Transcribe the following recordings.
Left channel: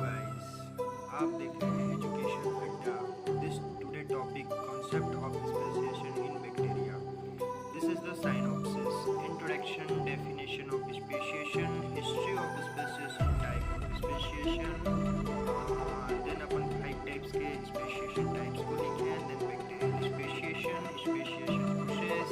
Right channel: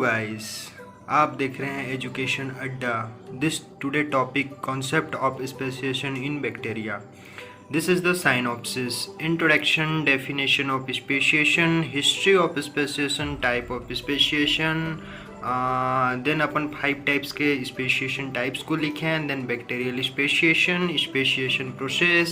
Guys, आप देख रहे हैं education Adda. This today topic concept of speciation in bacteria. This is the synopsis, introduction, definition of speciation, history of speciation, type of speciation. Then अपन 5 types के speciation types को लिखे हैं। Then bacterial speciation, speciation process,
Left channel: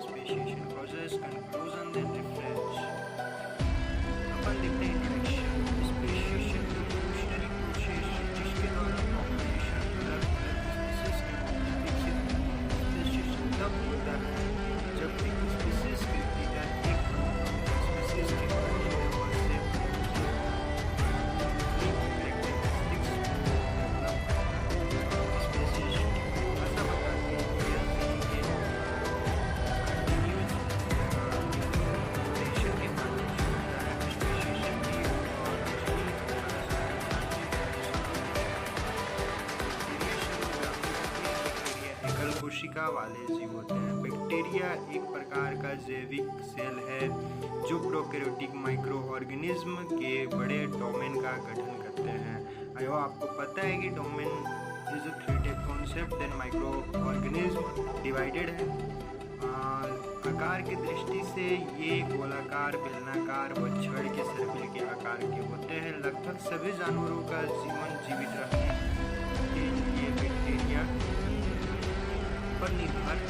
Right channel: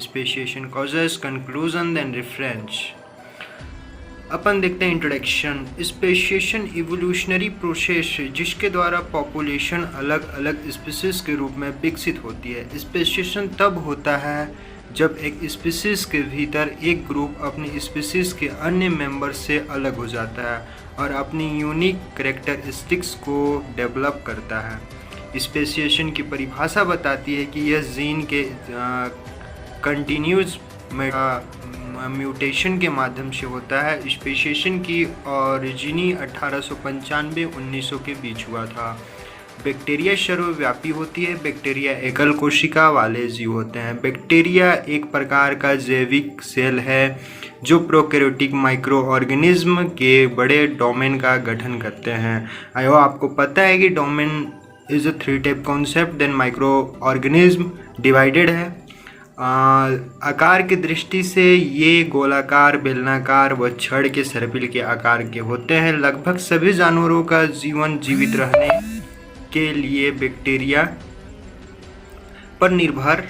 speciation causes, conclusion, then reference. अपन देखते हैं introduction. Speciation evolutionary process जिसके द्वारा पॉपुलेशन अलग अलग स्पीसीज के रूप में विकसित होती है। स्पेसिएशन तब होता है जब एक स्पीसीज के भीतर एक ग्रुप अपनी स्पीसीज के अन्य मेंबर से अलग हो जाता है और अपनी यूनिक कैरेक्टरिस्टिक्स को डेवलप करता है। स्पेसिएशन की परिभाषा बताती है कि यह जीन के कंटिन्यूस म्यूटेशन के माध्यम से होता है। स्पेसिएशन की ओरिजिनी 1895-1900 के बीच हुआ था। बैक्टीरिया सर्वव्यापी होती है। बैक्टीरिया एकल कोशिका वाले जीव होते हैं। बैक्टीरिया एक प्रकार का जैविक सेल है जो प्रोकैरियोटिक माइक्रो ऑर्गेनिज्म के बड़े डोमेन का गठन करते हैं। आयो आपको पता है कि domain is a 3 type concept. Then microorganism divided है। आकार की दृष्टि से ये गोलाकार, बेलनाकार व छड़ के सर्पिल के आकार के होते हैं। लगभग सभी जानवरों का जीवन जीवित रहने के लिए बैक्टीरिया पर निर्भर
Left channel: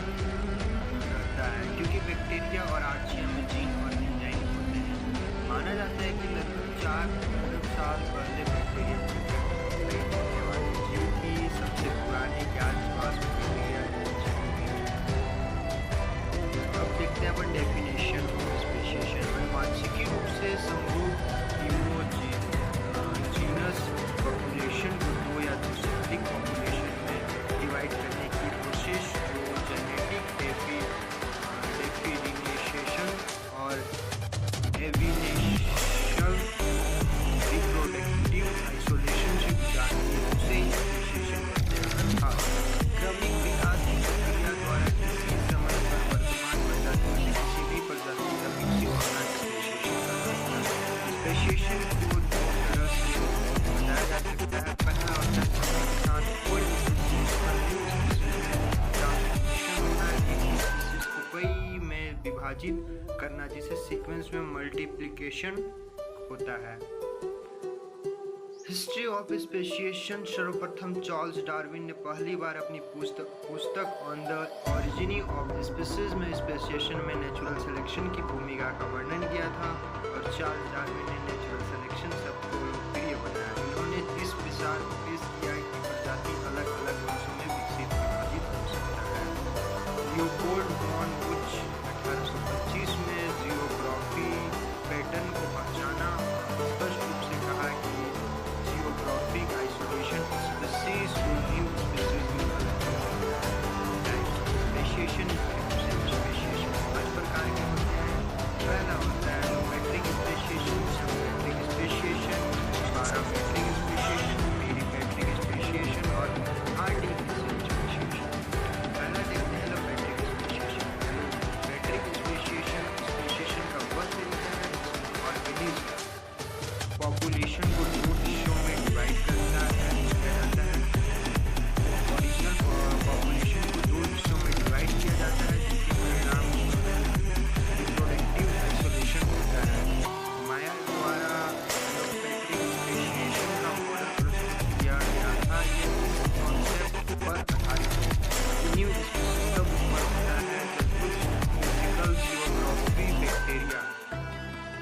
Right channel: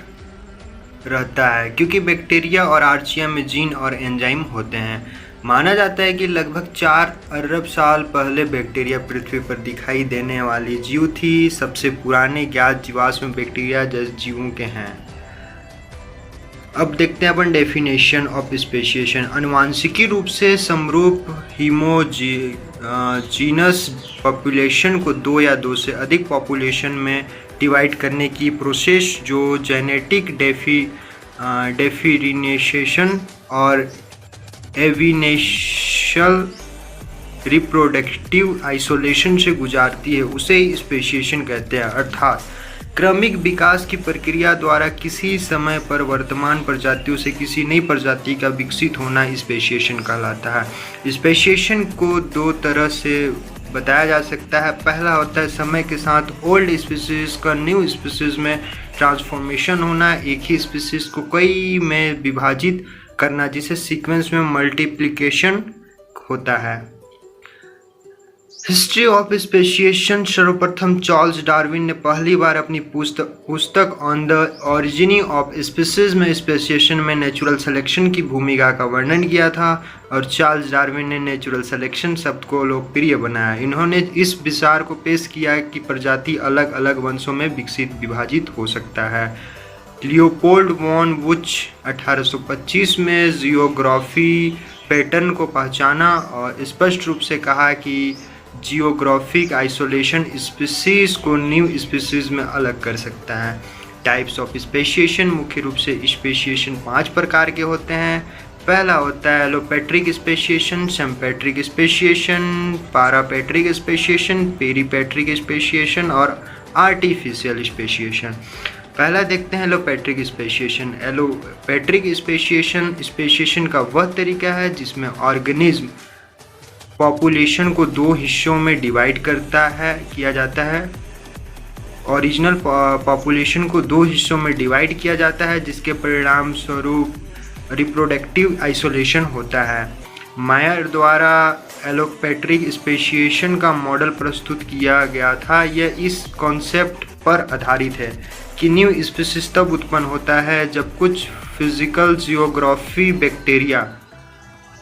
रहता है, क्योंकि बैक्टीरिया और आर्चिया में जीन और एंजाइम होते हैं। माना जाता है कि लगभग 4 अरब साल पहले बैक्टीरिया पृथ्वी पर दिखाई देने वाली जीव थी। सबसे पुराने ज्ञात जीवाश्म बैक्टीरिया जैसे जीवों के हैं। अब देखते हैं अपन डेफिनेशन ऑफ स्पेसिएशन। अनुवांशिकी रूप से समरूप जीनस पॉपुलेशन को 2 या 2 से अधिक पॉपुलेशन में डिवाइड करने की प्रोसेस जो जेनेटिक डिफरेंशिएशन और एविनेशनल रिप्रोडक्टिव आइसोलेशन से गुजारती है उसे स्पेसिएशन कहते हैं। अर्थात क्रमिक विकास की प्रक्रिया द्वारा किसी समय पर वर्तमान प्रजातियों से किसी नई प्रजाति का विकसित होना स्पेसिएशन कहलाता है। स्पेसिएशन को 2 तरह से बताया जा सकता है। पहला होता है समय के साथ ओल्ड स्पीसीज का न्यू स्पीसीज में ट्रांसफॉर्मेशन होना, एक ही स्पीसीज को कई में विभाजित करना जिसे सीक्वेंस में मल्टीप्लिकेशन होता है। हिस्ट्री ऑफ स्पेसिएशन सर्वप्रथम चार्ल्स डार्विन ने पहली बार अपनी पुस्तक ऑन द ओरिजिनी ऑफ स्पीसीज में स्पेसिएशन में नेचुरल सिलेक्शन की भूमिका का वर्णन किया था और चार्ल्स डार्विन ने नेचुरल सिलेक्शन शब्द को लोकप्रिय बनाया। इन्होंने इस विचार को पेश किया कि प्रजाति अलग अलग वंशों में विभाजित हो सकता है। लियोपोल्ड वॉन वुच 1825 में जियोग्राफी पैटर्न को पहचाना और स्पष्ट रूप से कहा कि जियोग्राफिक आइसोलेशन स्पीसीज को न्यू स्पीसीज में अलग कर सकता है। Types of speciation. मुख्य रूप से स्पेसिएशन 5 प्रकार के होते हैं। पहला होता है allopatric speciation, sympatric speciation, parapatric speciation, peripatric speciation और आर्टिफिशियल स्पेसिएशन। पहला देखते हैं एलोपेट्रिक स्पेसिएशन। एलोपेट्रिक स्पेसिएशन का वह तरीका है जिसमें ऑर्गेनिज्म पॉपुलेशन को 2 हिस्सों में डिवाइड किया जाता है। ओरिजिनल पॉपुलेशन को 2 हिस्सों में डिवाइड किया जाता है जिसके परिणाम स्वरूप रिप्रोडक्टिव आइसोलेशन होता है। मायर द्वारा एलोपेट्रिक स्पेसिएशन का मॉडल प्रस्तुत किया गया था। यह इस कॉन्सेप्ट पर आधारित है कि न्यू स्पीसीज तब उत्पन्न होता है जब कुछ फिजिकल जियोग्राफी बैक्टीरिया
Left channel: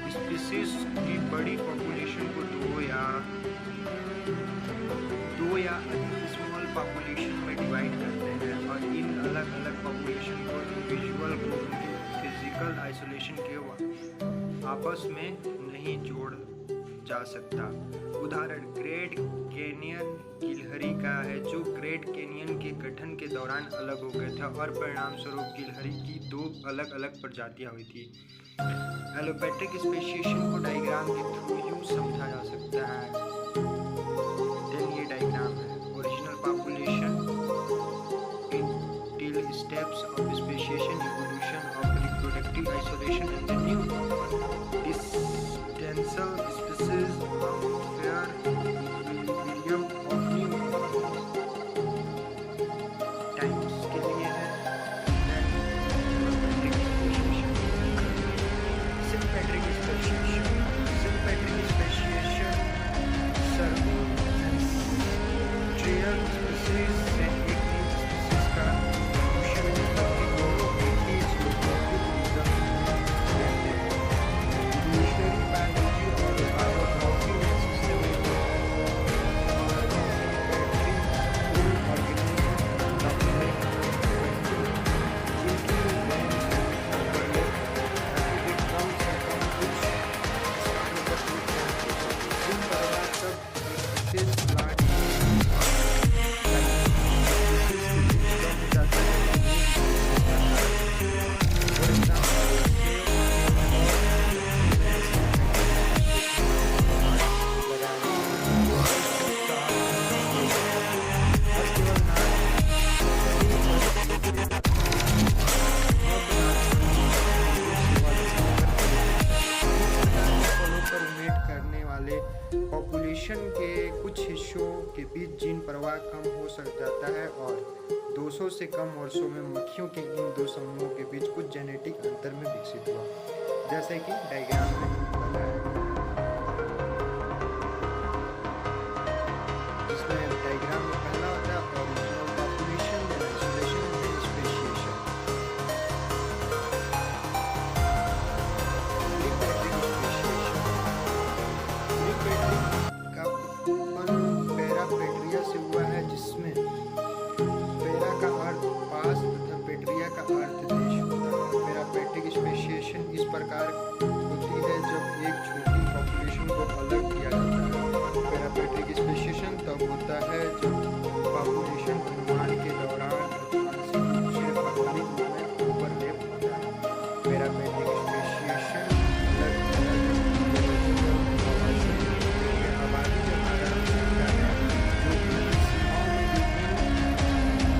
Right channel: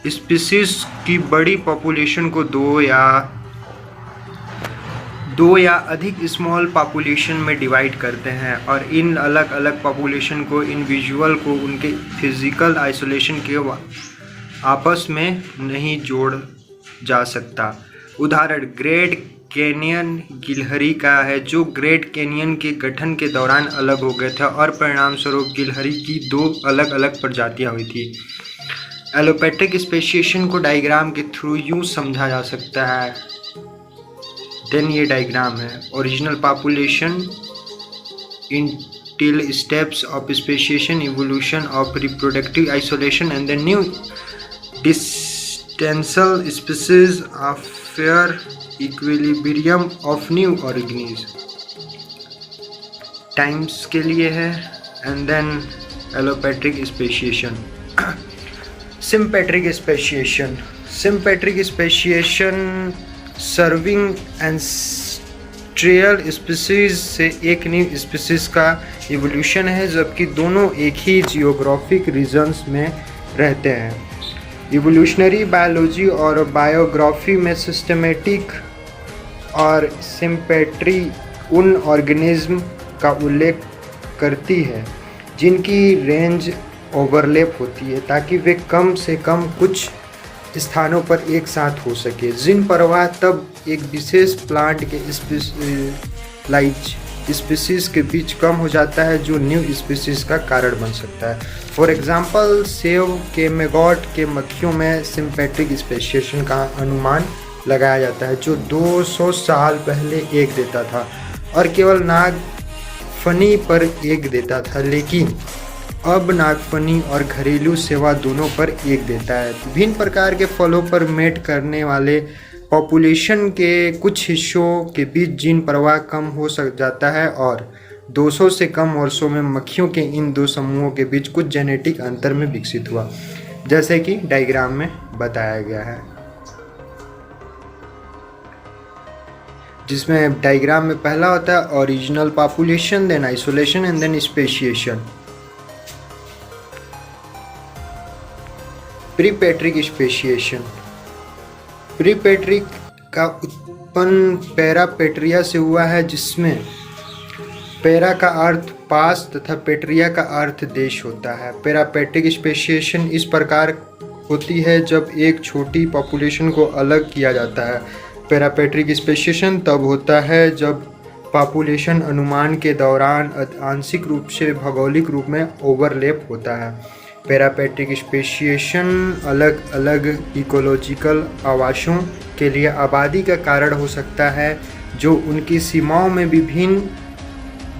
स्पीसीज की बड़ी पॉपुलेशन को 2 या अधिक स्मॉल पॉपुलेशन में डिवाइड करते हैं और इन अलग अलग पॉपुलेशन को इंडिविजुअल को उनके फिजिकल आइसोलेशन के आपस में नहीं जोड़ जा सकता। उदाहरण ग्रेट कैनियन गिलहरी का है जो ग्रेट कैनियन के गठन के दौरान अलग हो गए थे और परिणाम स्वरूप गिलहरी की 2 अलग अलग प्रजातियां हुई थी। एलोपेट्रिक स्पेसिएशन को डायग्राम के थ्रू यूँ समझा जा सकता है। देन ये डायग्राम है। Original population till steps of speciation, evolution of reproductive isolation and the new distinct species of fair equilibrium of new organism times के लिए है। And then allopatric speciation, sympatric speciation, sympatric speciation serving ancestral species से एक new species का evolution है, जबकि दोनों एक ही जियोग्राफिक रीजन्स में रहते हैं। इवोल्यूशनरी बायोलॉजी और बायोग्राफी में सिस्टमेटिक और सिम्पेट्री उन ऑर्गेनिज्म का उल्लेख करती है जिनकी रेंज ओवरलैप होती है, ताकि वे कम से कम कुछ स्थानों पर एक साथ हो सके। जिन प्रवाह तब एक विशेष प्लांट के स्पीसीज के बीच कम हो जाता है, जो न्यू स्पीसीज का कारण बन सकता है। फॉर एग्जांपल, सेब के मैगॉट के मक्खियों में सिम्पेट्रिक स्पेशिएशन का अनुमान लगाया जाता है, जो 200 साल पहले एक देता था और केवल नागफनी पर एक देता था, लेकिन अब नागफनी और घरेलू सेवा दोनों पर एक देता है। विभिन्न प्रकार के फलों पर मेट करने वाले पॉपुलेशन के कुछ हिस्सों के बीच जीन प्रवाह कम हो जाता है और 200 से कम वर्षों में मक्खियों के इन दो समूहों के बीच कुछ जेनेटिक अंतर में विकसित हुआ, जैसे कि डायग्राम में बताया गया है, जिसमें डायग्राम में पहला होता है original population, then isolation and then speciation. Peripatric speciation, peripatric का उत्पन्न पैरापेट्रिया से हुआ है, जिसमें पैरा का अर्थ पास तथा पेट्रिया का अर्थ देश होता है। पैरापेट्रिक स्पेशिएशन इस प्रकार होती है जब एक छोटी पॉपुलेशन को अलग किया जाता है। पैरापेट्रिक स्पेशिएशन तब होता है जब पॉपुलेशन अनुमान के दौरान आंशिक रूप से भौगोलिक रूप में ओवरलैप होता है। पैरापेट्रिक स्पेशिएशन अलग अलग इकोलॉजिकल आवासों के लिए आबादी का कारण हो सकता है, जो उनकी सीमाओं में भी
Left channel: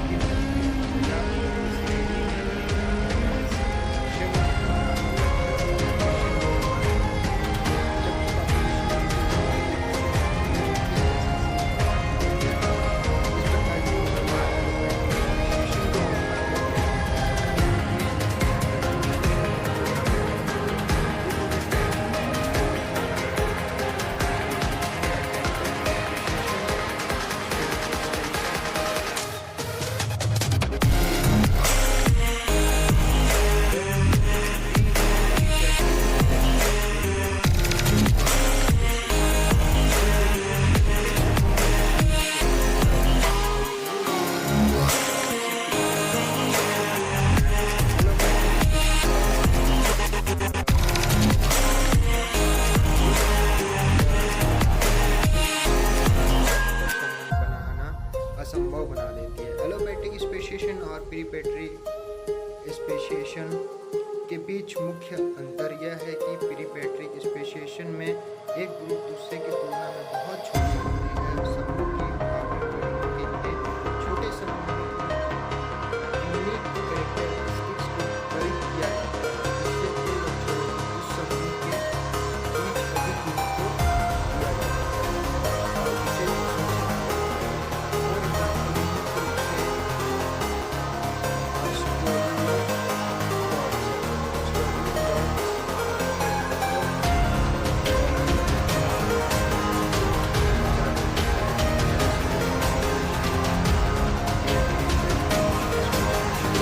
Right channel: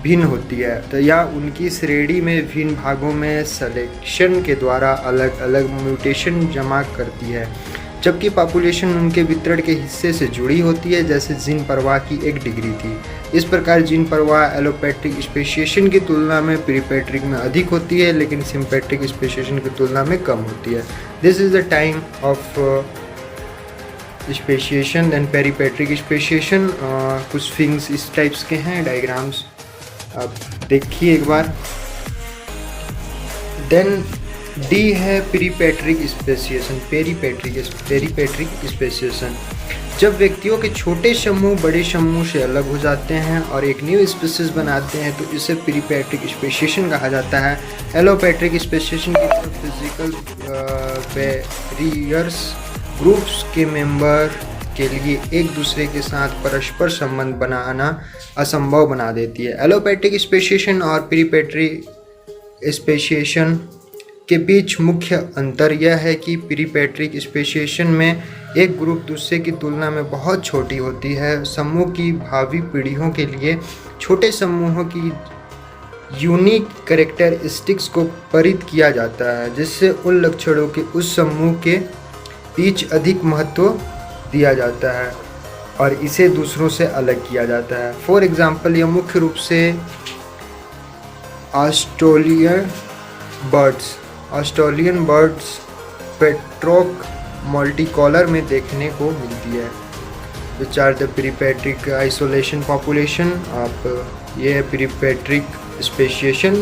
भिन्न होती है, तो या उनकी श्रेणी में विभिन्न भागों में सिलेक्शन के द्वारा अलग अलग म्यूटेशन जमा करती है, जबकि पॉपुलेशन उनके वितरण के हिस्से से जुड़ी होती है, जैसे जीन प्रवाह की एक डिग्री की। इस प्रकार जीन प्रवाह एलोपेट्रिक स्पेशिएशन की तुलना में प्रीपेट्रिक में अधिक होती है, लेकिन सिम्पेट्रिक स्पेशिएशन की तुलना में कम होती है। This is the time of speciation. Then peripatric speciation, कुछ थिंग्स इस टाइप्स के हैं, डायग्राम्स आप देखिए एक बार। देन डी है प्रीपेट्रिक स्पेशिएशन, पेरीपेट्रिक स्पेशिएशन, जब व्यक्तियों के छोटे समूह बड़े समूह से अलग हो जाते हैं और एक न्यू स्पीसीज बनाते हैं, तो इसे प्रीपेट्रिक स्पेशिएशन कहा जाता है। एलोपेट्रिक स्पेशिएशन बैरियर्स ग्रुप्स के मेंबर के लिए एक दूसरे के साथ परस्पर संबंध बनाना असंभव बना देती है। एलोपेट्रिक स्पेशिएशन और प्रीपेट्रिक स्पेशिएशन के बीच मुख्य अंतर यह है कि प्रीपेट्रिक स्पेशिएशन में एक ग्रुप दूसरे की तुलना में बहुत छोटी होती है। समूह की भावी पीढ़ियों के लिए छोटे समूहों की यूनिक कैरेक्टरिस्टिक्स को परित किया जाता है, जिससे उन लक्षणों के उस समूह के बीच अधिक महत्व दिया जाता है और इसे दूसरों से अलग किया जाता है। फॉर एग्जाम्पल, यह मुख्य रूप से ऑस्ट्रेलियन बर्ड्स पेट्रोक मल्टीकॉलर में देखने को मिलती है। Which are the peripatric isolation population. अब ये प्रीपेट्रिक स्पेशिएशन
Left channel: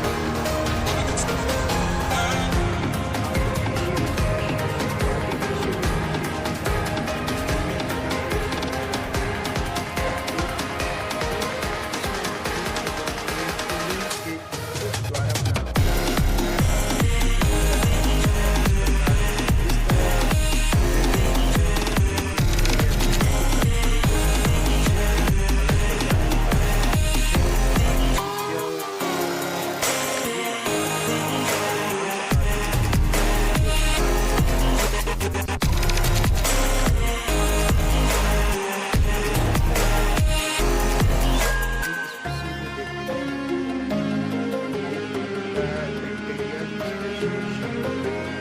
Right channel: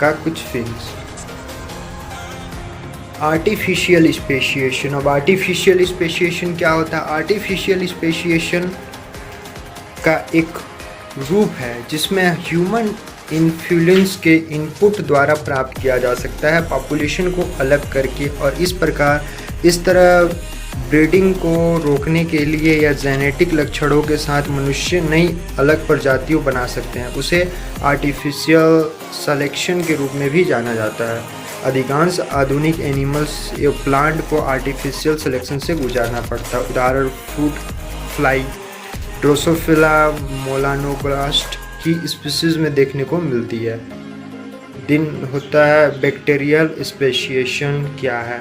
का कुछ फिक्स। Artificial speciation. अब आर्टिफिशियल स्पेशिएशन क्या होता है? आर्टिफिशियल स्पेशिएशन का एक रूप है जिसमें ह्यूमन इन्फ्लुएंस के इनपुट द्वारा प्राप्त किया जा सकता है पॉपुलेशन को अलग करके, और इस तरह ब्रीडिंग को रोकने के लिए या जेनेटिक लक्षणों के साथ मनुष्य नई अलग प्रजातियों बना सकते हैं। उसे आर्टिफिशियल सिलेक्शन के रूप में भी जाना जाता है। अधिकांश आधुनिक एनिमल्स या प्लांट को आर्टिफिशियल सिलेक्शन से गुजारना पड़ता है। उदाहरण फ्रूट फ्लाई, ड्रोसोफिला मोलानोब्लास्ट की स्पीसीज में देखने को मिलती है। दिन होता है बैक्टीरियल स्पेशिएशन क्या है?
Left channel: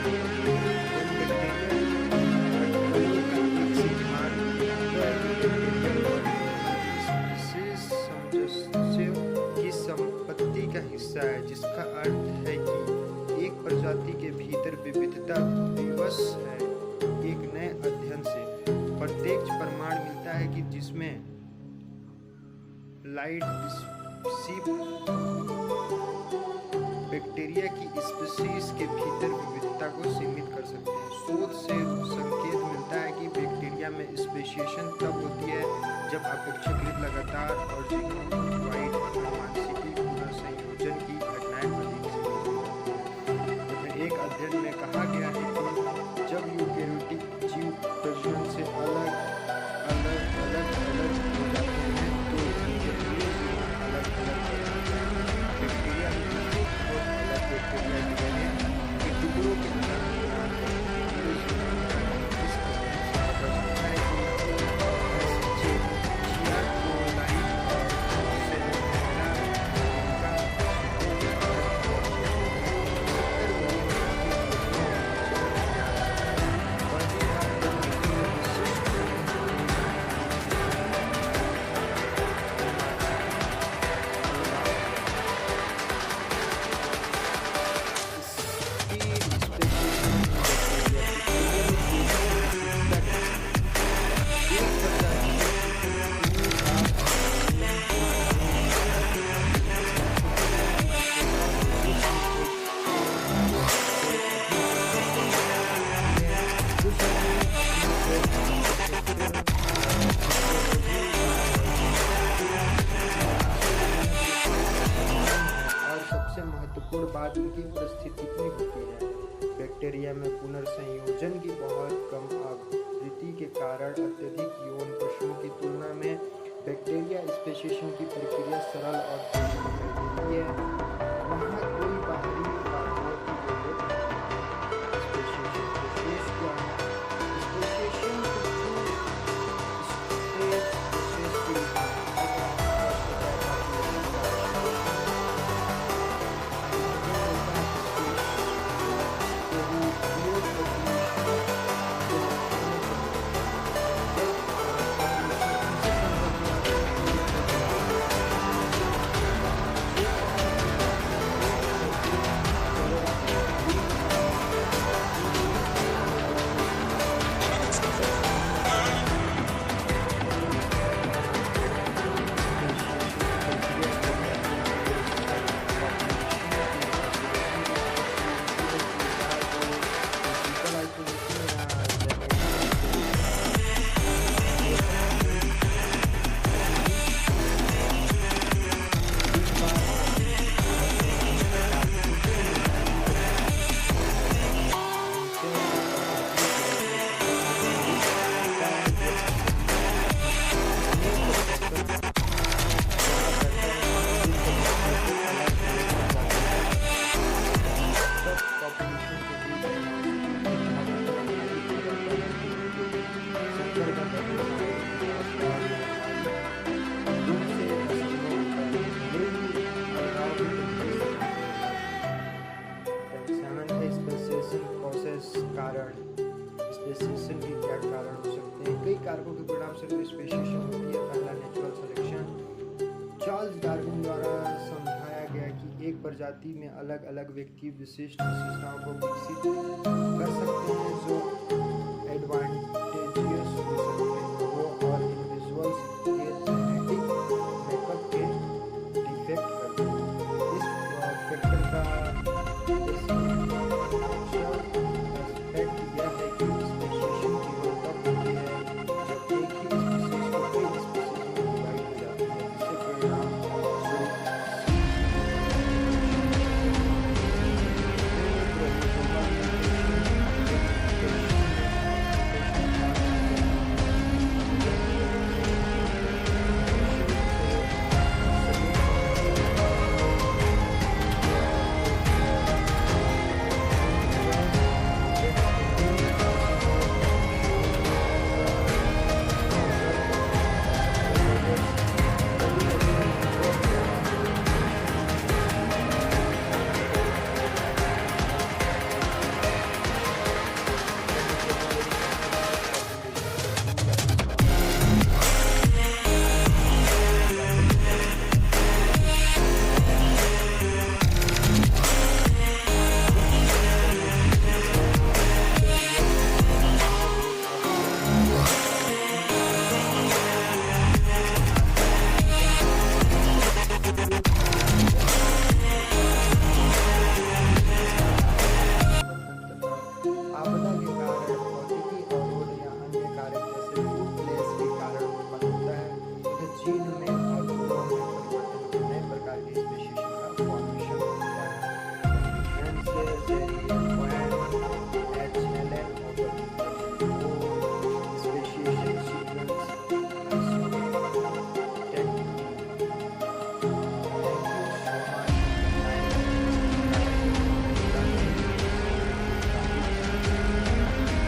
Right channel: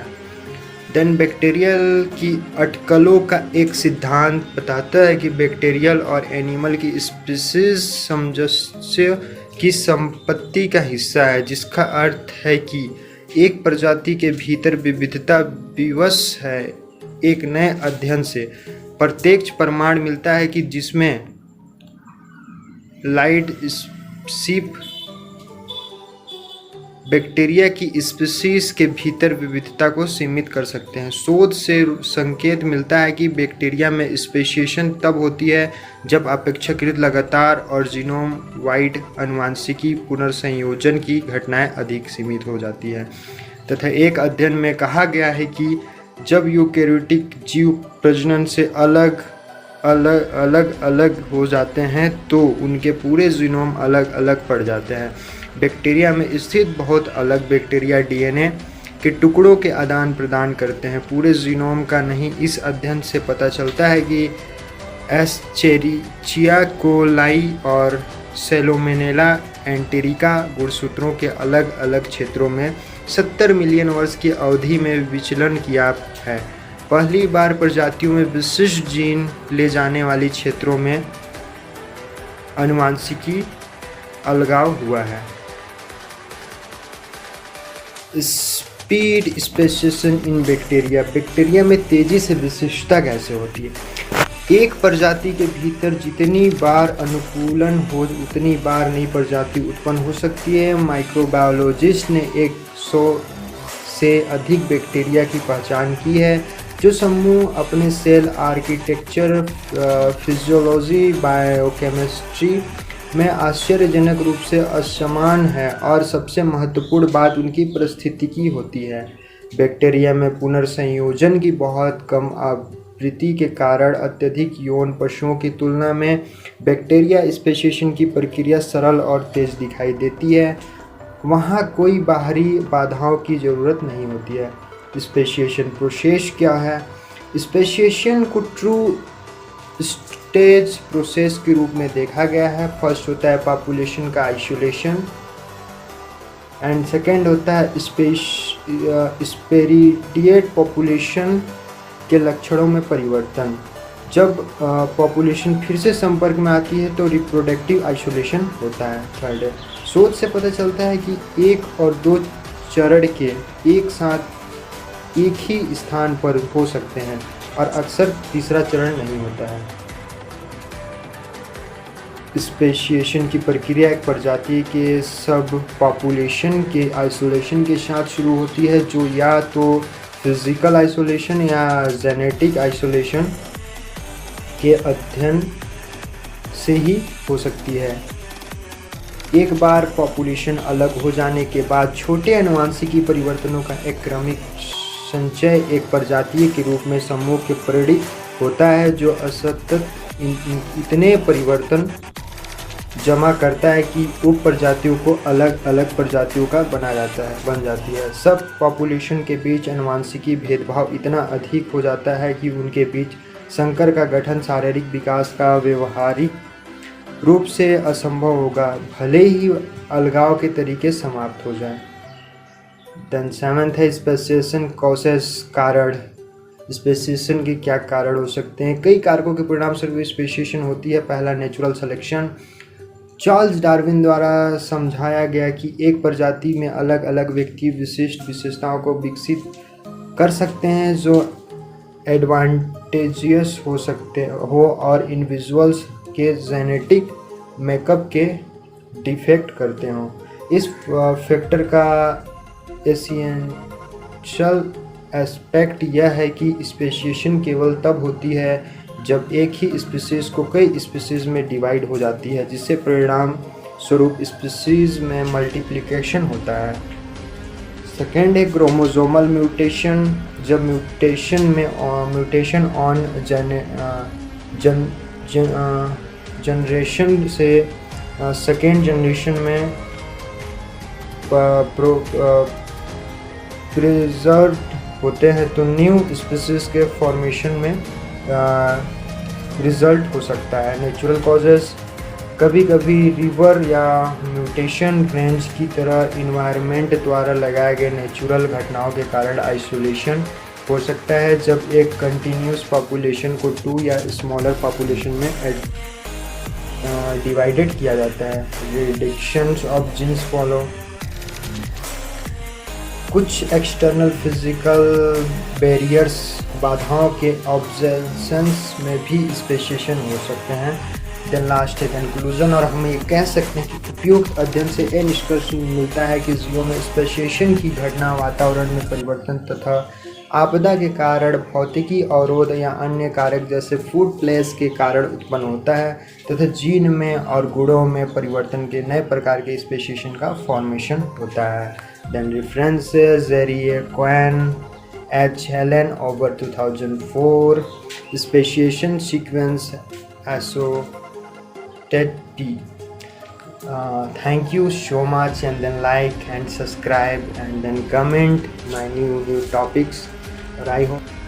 देन बैक्टीरियल की अटकलों का एक सिद्धांत बताता है कि बैक्टीरियल और एनिमल की स्पीसीज सामंजस्य की संपत्ति का हिस्सा है, जिसका अर्थ है कि एक प्रजाति के भीतर विविधता विवश है। एक नए अध्ययन से प्रत्यक्ष प्रमाण मिलता है कि जिसमें लाइडशिप बैक्टीरिया की स्पीशीज के भीतर विविधता को सीमित कर सकते हैं। शोध से संकेत मिलता है कि बैक्टीरिया में स्पेशिएशन तब होती है जब अपेक्षाकृत लगातार और जीनोम वाइड आनुवंशिकी पुनर्संयोजन की घटनाएं अधिक सीमित हो जाती है। तथा एक अध्ययन में कहा गया है कि जब यूकेरियोटिक जीव प्रजनन से अलग अलग हो जाते हैं तो उनके पूरे जीनोम अलग अलग पड़ जाते हैं। बैक्टीरिया में स्थित बहुत अलग बैक्टीरिया डीएनए के टुकड़ों के आदान प्रदान करते हैं, पूरे जीनोम का नहीं। इस अध्ययन से पता चलता है कि एस्चेरिचिया कोलाई और सैलोमोनेला एंटेरिका गुणसूत्रों के अलग अलग क्षेत्रों में 70 मिलियन वर्ष की अवधि में विचलन किया है। पहली बार प्रजातियों में विशिष्ट जीन ले जाने वाली क्षेत्रों में आनुवंशिकी अलगाव हुआ है। Speed speciation in bacteria. Bacteria में तेजी से विशिष्टता कैसे होती है? एक प्रजाति के भीतर जितनी बार अनुकूलन हो उतनी बार नई प्रजाति उत्पन्न हो सकती है। माइक्रोबायोलॉजिस्ट ने 100 से अधिक बैक्टीरिया की पहचान की है जो समूह अपने सेल आर्किटेक्चर, फिजियोलॉजी, बायोकेमिस्ट्री में आश्चर्यजनक रूप से असमान है, और सबसे महत्वपूर्ण बात उनकी पारिस्थितिकी होती है। बैक्टीरिया में पुनर्संयोजन की बहुत कम आवृत्ति के कारण अत्यधिक यौन पशुओं की तुलना में बैक्टीरिया स्पेशिएशन की प्रक्रिया सरल और तेज दिखाई देती है। वहाँ कोई बाहरी बाधाओं की ज़रूरत नहीं होती है। स्पेशिएशन प्रोसेस क्या है? स्पेशिएशन को ट्रू स्टेज प्रोसेस के रूप में देखा गया है। फर्स्ट होता है पॉपुलेशन का आइसोलेशन, एंड सेकेंड होता है स्पेरिडिएट पॉपुलेशन के लक्षणों में परिवर्तन। जब पॉपुलेशन फिर से संपर्क में आती है तो रिप्रोडक्टिव आइसोलेशन होता है। थर्ड, शोध से पता चलता है कि 1 और 2 चरण के एक साथ एक ही स्थान पर हो सकते हैं और अक्सर तीसरा चरण नहीं होता है। स्पेशिएशन की प्रक्रिया एक प्रजाति के सब पॉपुलेशन के आइसोलेशन के साथ शुरू होती है, जो या तो फिजिकल आइसोलेशन या जेनेटिक आइसोलेशन के अध्ययन से ही हो सकती है। एक बार पॉपुलेशन अलग हो जाने के बाद छोटे आनुवंशिकी परिवर्तनों का एक क्रमिक संचय एक प्रजाति के रूप में समूह के प्रेरित होता है, जो असतत इतने परिवर्तन जमा करता है कि उप प्रजातियों को अलग अलग प्रजातियों का बन जाती है। सब पॉपुलेशन के बीच आनुवंशिकी भेदभाव इतना अधिक हो जाता है कि उनके बीच संकर का गठन शारीरिक विकास का व्यवहारिक रूप से असंभव होगा, भले ही अलगाव के तरीके समाप्त हो जाए। देन सेवंथ है स्पेसिएशन कॉसेस। कारण। स्पेसिएशन के क्या कारण हो सकते हैं? कई कारकों के परिणाम स्वरूप स्पेसिएशन होती है। पहला, नेचुरल सिलेक्शन। चार्ल्स डार्विन द्वारा समझाया गया कि एक प्रजाति में अलग अलग व्यक्ति विशिष्ट विशेषताओं को विकसित कर सकते हैं जो एडवांटेजियस हो सकते हो और इंडिविजुअल्स के जेनेटिक मेकअप के डिफेक्ट करते हों। इस फैक्टर का एसेंशियल एस्पेक्ट यह है कि स्पेशिएशन केवल तब होती है जब एक ही स्पीशीज को कई स्पीशीज में डिवाइड हो जाती है, जिससे परिणाम स्वरूप स्पीशीज में मल्टीप्लिकेशन होता है। सेकेंड है क्रोमोसोमल म्यूटेशन। जब म्यूटेशन ऑन जनरेशन से सेकेंड जनरेशन में प्रिजर्व होते हैं तो न्यू स्पीशीज के फॉर्मेशन में रिजल्ट हो सकता है। Natural causes. कभी कभी रिवर या म्यूटेशन फ्रेंड्स की तरह इन्वायरमेंट द्वारा लगाए गए नेचुरल घटनाओं के कारण आइसोलेशन हो सकता है जब एक कंटिन्यूस पॉपुलेशन को 2 या स्मॉलर पॉपुलेशन में डिवाइडेड किया जाता है। Reductions of genes follow. कुछ एक्सटर्नल फिजिकल बैरियर्स बाधाओं के ऑब्जर्वेशंस में भी स्पेसिएशन हो सकते हैं। देन लास्ट कंक्लूजन, और हम ये कह सकते हैं कि उपयुक्त अध्ययन से यह निष्कर्ष मिलता है कि जीवों में स्पेसिएशन की घटना वातावरण में परिवर्तन तथा आपदा के कारण, भौतिकी अवरोध या अन्य कारक जैसे फूड प्लेस के कारण उत्पन्न होता है तथा जीन में और गुणों में परिवर्तन के नए प्रकार के स्पेसिएशन का फॉर्मेशन होता है। देन रेफरेंसेस जेरिए क्वेन H. Helen over 2004 speciation sequence ASOTED. Thank you so much, and then like and subscribe and then comment my new topics. I hope